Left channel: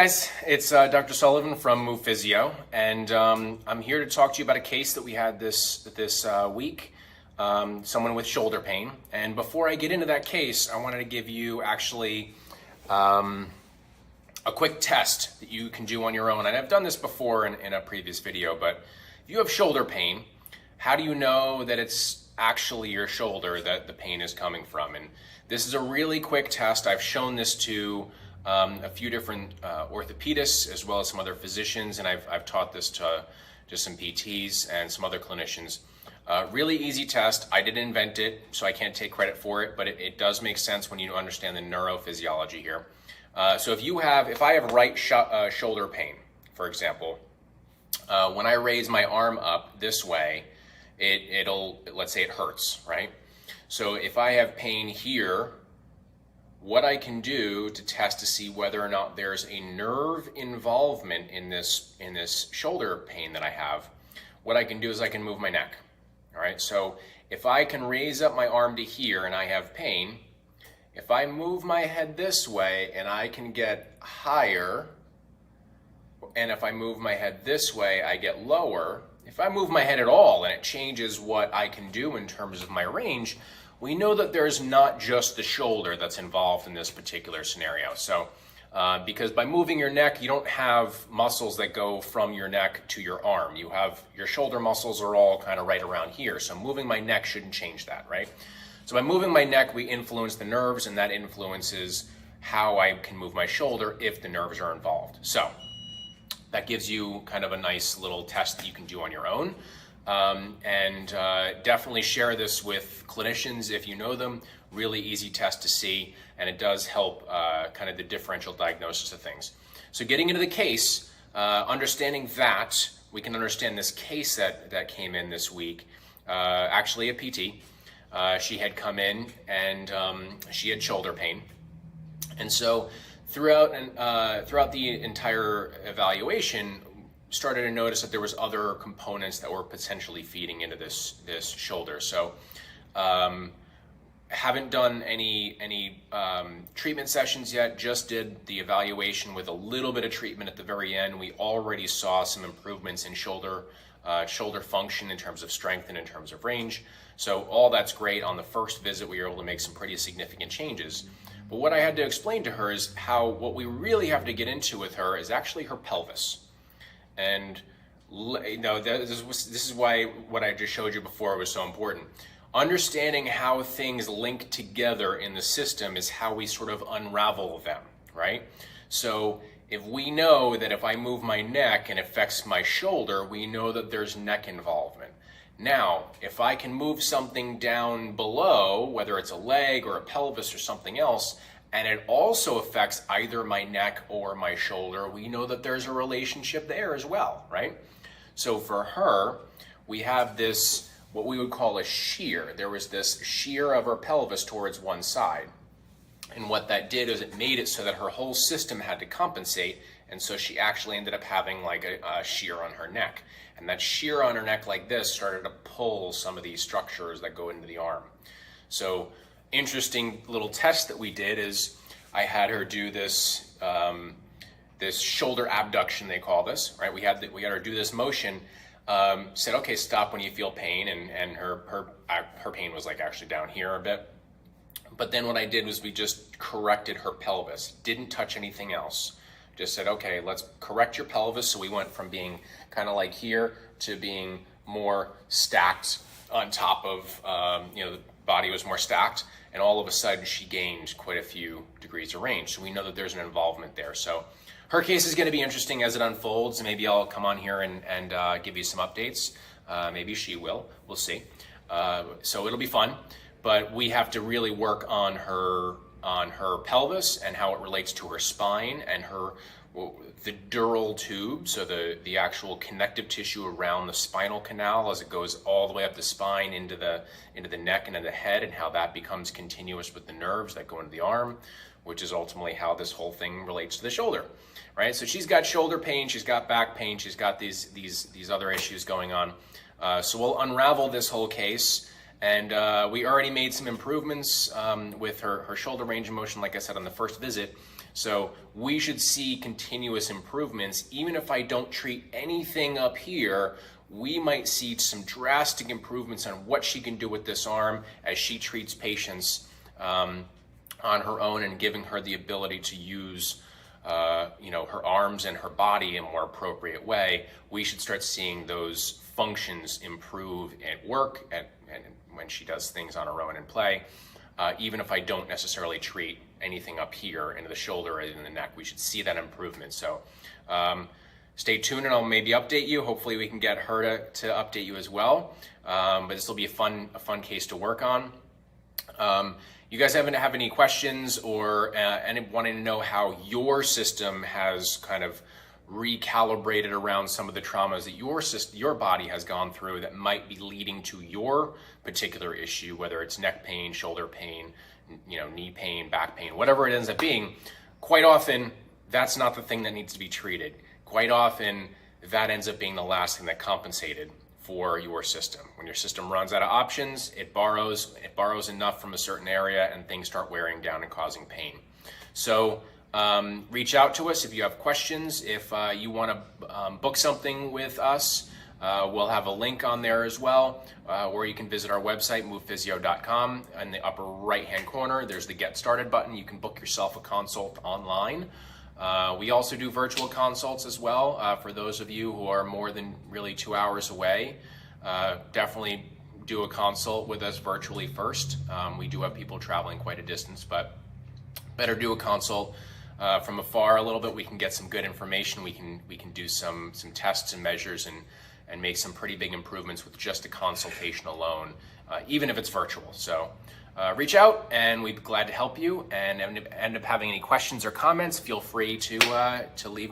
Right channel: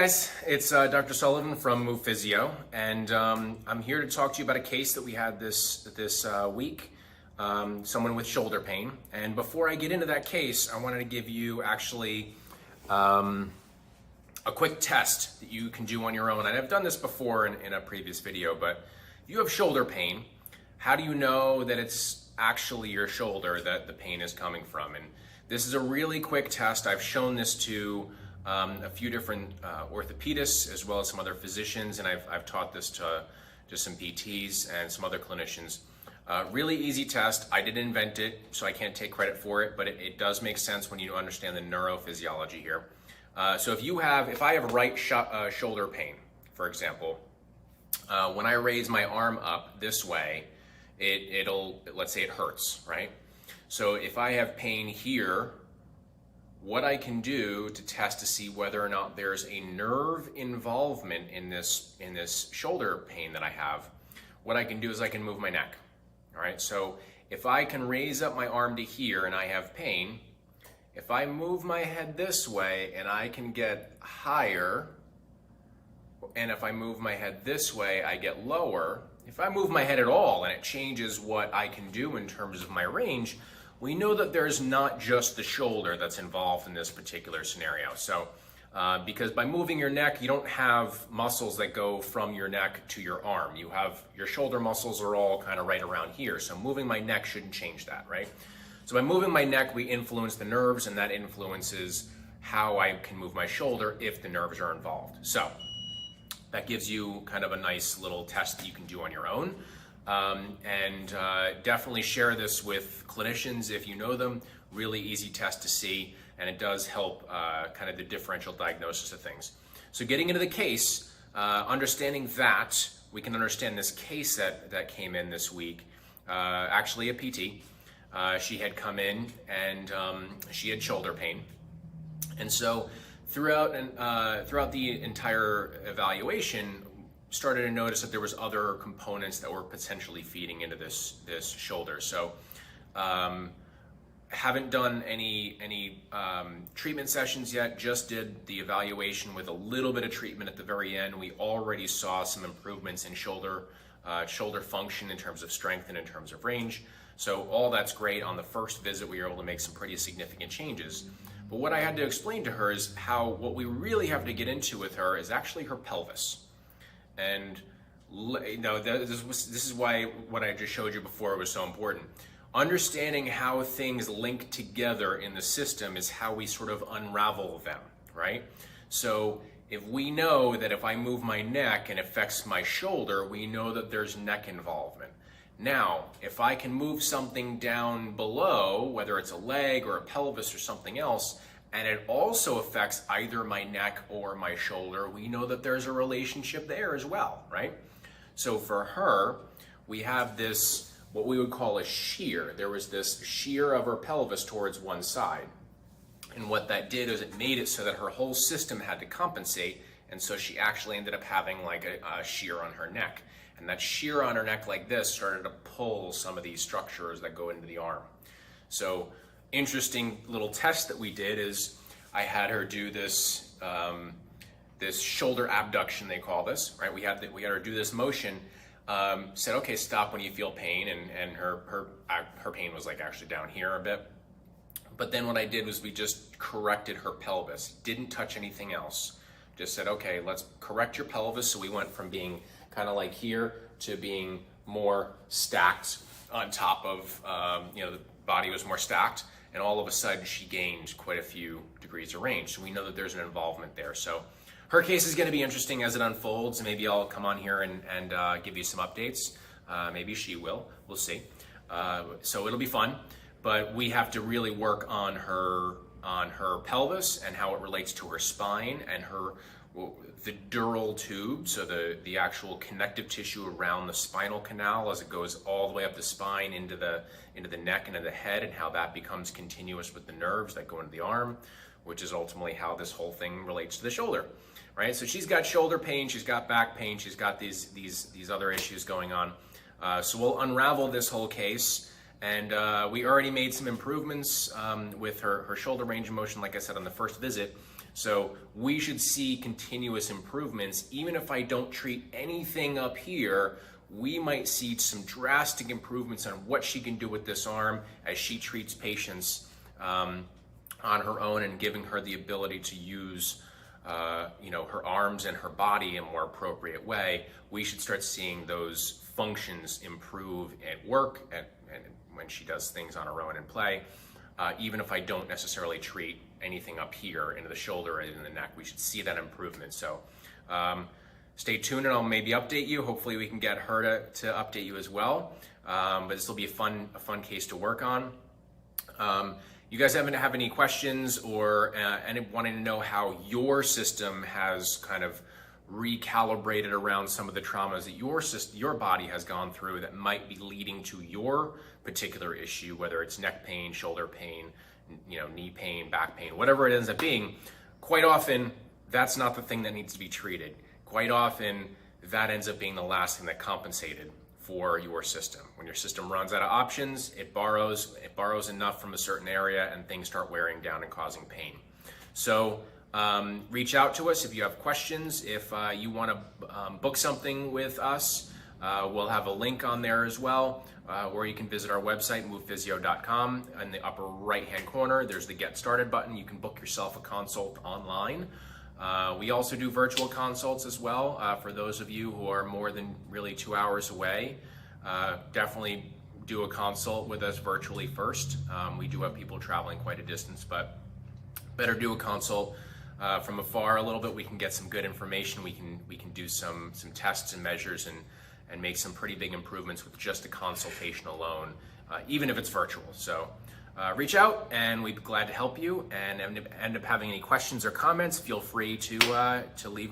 Guys, it's Dr. Sullivan from Move Physio, and I'm here to talk to you about a case that we had this week. Someone with shoulder pain. And before I get into that case, I wanted to give you actually a quick test that you can do on your own. And I've done this before in a previous video, but if you have shoulder pain, how do you know that it's actually your shoulder that the pain is coming from? And this is a really quick test. I've shown this to a few different orthopedists as well as some other physicians, and I've taught this to some PTs and some other clinicians. Really easy test. I didn't invent it, so I can't take credit for it, but it does make sense when you understand the neurophysiology here. So if I have right shoulder pain, for example, when I raise my arm up this way, let's say it hurts, right? So if I have pain here, what I can do to test to see whether or not there's a nerve involvement in this shoulder pain that I have, what I can do is I can move my neck. All right, so if I can raise up my arm to here and I have pain, if I move my head this way and I can get higher, and if I move my head this way, I get lower. If I move my head at all and it changes what I can do in terms of my range, we know that there's not just the shoulder that's involved in this particular scenario. So, because by moving your neck, you don't have muscles that go from your neck to your arm. Your shoulder muscles are all kind of right around here. So moving my neck shouldn't change that, right? So by moving my neck, we influence the nerves, and that influences how I can move my shoulder if the nerves are involved. So that gives you kind of a nice little test that you can do on your own. Definitely share this with clinicians if you know them. Really easy test to see, and it does help kind of the differential diagnosis of things. So getting into the case, understanding that, we can understand this case that came in this week, actually a PT. She had come in and she had shoulder pain. And so throughout the entire evaluation, started to notice that there was other components that were potentially feeding into this shoulder. So haven't done any treatment sessions yet, just did the evaluation with a little bit of treatment at the very end. We already saw some improvements in shoulder function in terms of strength and in terms of range. So all that's great. On the first visit, we were able to make some pretty significant changes. But what I had to explain to her is what we really have to get into with her is actually her pelvis. And this is why what I just showed you before was so important. Understanding how things link together in the system is how we sort of unravel them, right? So if we know that if I move my neck and it affects my shoulder, we know that there's neck involvement. Now, if I can move something down below, whether it's a leg or a pelvis or something else, and it also affects either my neck or my shoulder, we know that there's a relationship there as well, right? So for her, we have this, what we would call a shear. There was this shear of her pelvis towards one side. And what that did is it made it so that her whole system had to compensate. And so she actually ended up having like a shear on her neck. And that shear on her neck like this started to pull some of these structures that go into the arm. So interesting little test that we did is I had her do this this shoulder abduction, they call this, right? We had her do this motion. Said, okay, stop when you feel pain, and her pain was like actually down here a bit. But then what I did was we just corrected her pelvis, didn't touch anything else. Just said, okay, let's correct your pelvis. So we went from being kind of like here to being more stacked on top of, the body was more stacked. And all of a sudden she gained quite a few degrees of range. So we know that there's an involvement there. So her case is going to be interesting as it unfolds. Maybe I'll come on here and give you some updates. Maybe she will. We'll see. So it'll be fun. But we have to really work on her pelvis and how it relates to her spine and the dural tube, so the actual connective tissue around the spinal canal as it goes all the way up the spine into the neck and into the head, and how that becomes continuous with the nerves that go into the arm, which is ultimately how this whole thing relates to the shoulder, right? So she's got shoulder pain, she's got back pain, she's got these other issues going on. So we'll unravel this whole case. And we already made some improvements with her shoulder range of motion, like I said, on the first visit. So we should see continuous improvements. Even if I don't treat anything up here, we might see some drastic improvements on what she can do with this arm as she treats patients on her own and giving her the ability to use her arms and her body in a more appropriate way. We should start seeing those functions improve at work and when she does things on her own in play. Even if I don't necessarily treat anything up here into the shoulder or in the neck, we should see that improvement. So stay tuned and I'll maybe update you. Hopefully we can get her to update you as well. But this will be a fun case to work on. You guys have any questions or wanting to know how your system has kind of recalibrated around some of the traumas that your body has gone through that might be leading to your particular issue, whether it's neck pain, shoulder pain, knee pain, back pain, whatever it ends up being. Quite often, that's not the thing that needs to be treated. Quite often, that ends up being the last thing that compensated for your system. When your system runs out of options, it borrows enough from a certain area and things start wearing down and causing pain. So reach out to us if you have questions. If you want to book something with us, we'll have a link on there as well, where you can visit our website, movephysio.com. In the upper right-hand corner, there's the Get Started button. You can book yourself a consult online. We also do virtual consults as well. For those of you who are more than really 2 hours away, definitely do a consult with us virtually first. We do have people traveling quite a distance, but better do a consult from afar a little bit. We can get some good information. We can do some tests and measures and make some pretty big improvements with just a consultation alone, even if it's virtual. So reach out and we'd be glad to help you. And end up having any questions or comments, feel free to leave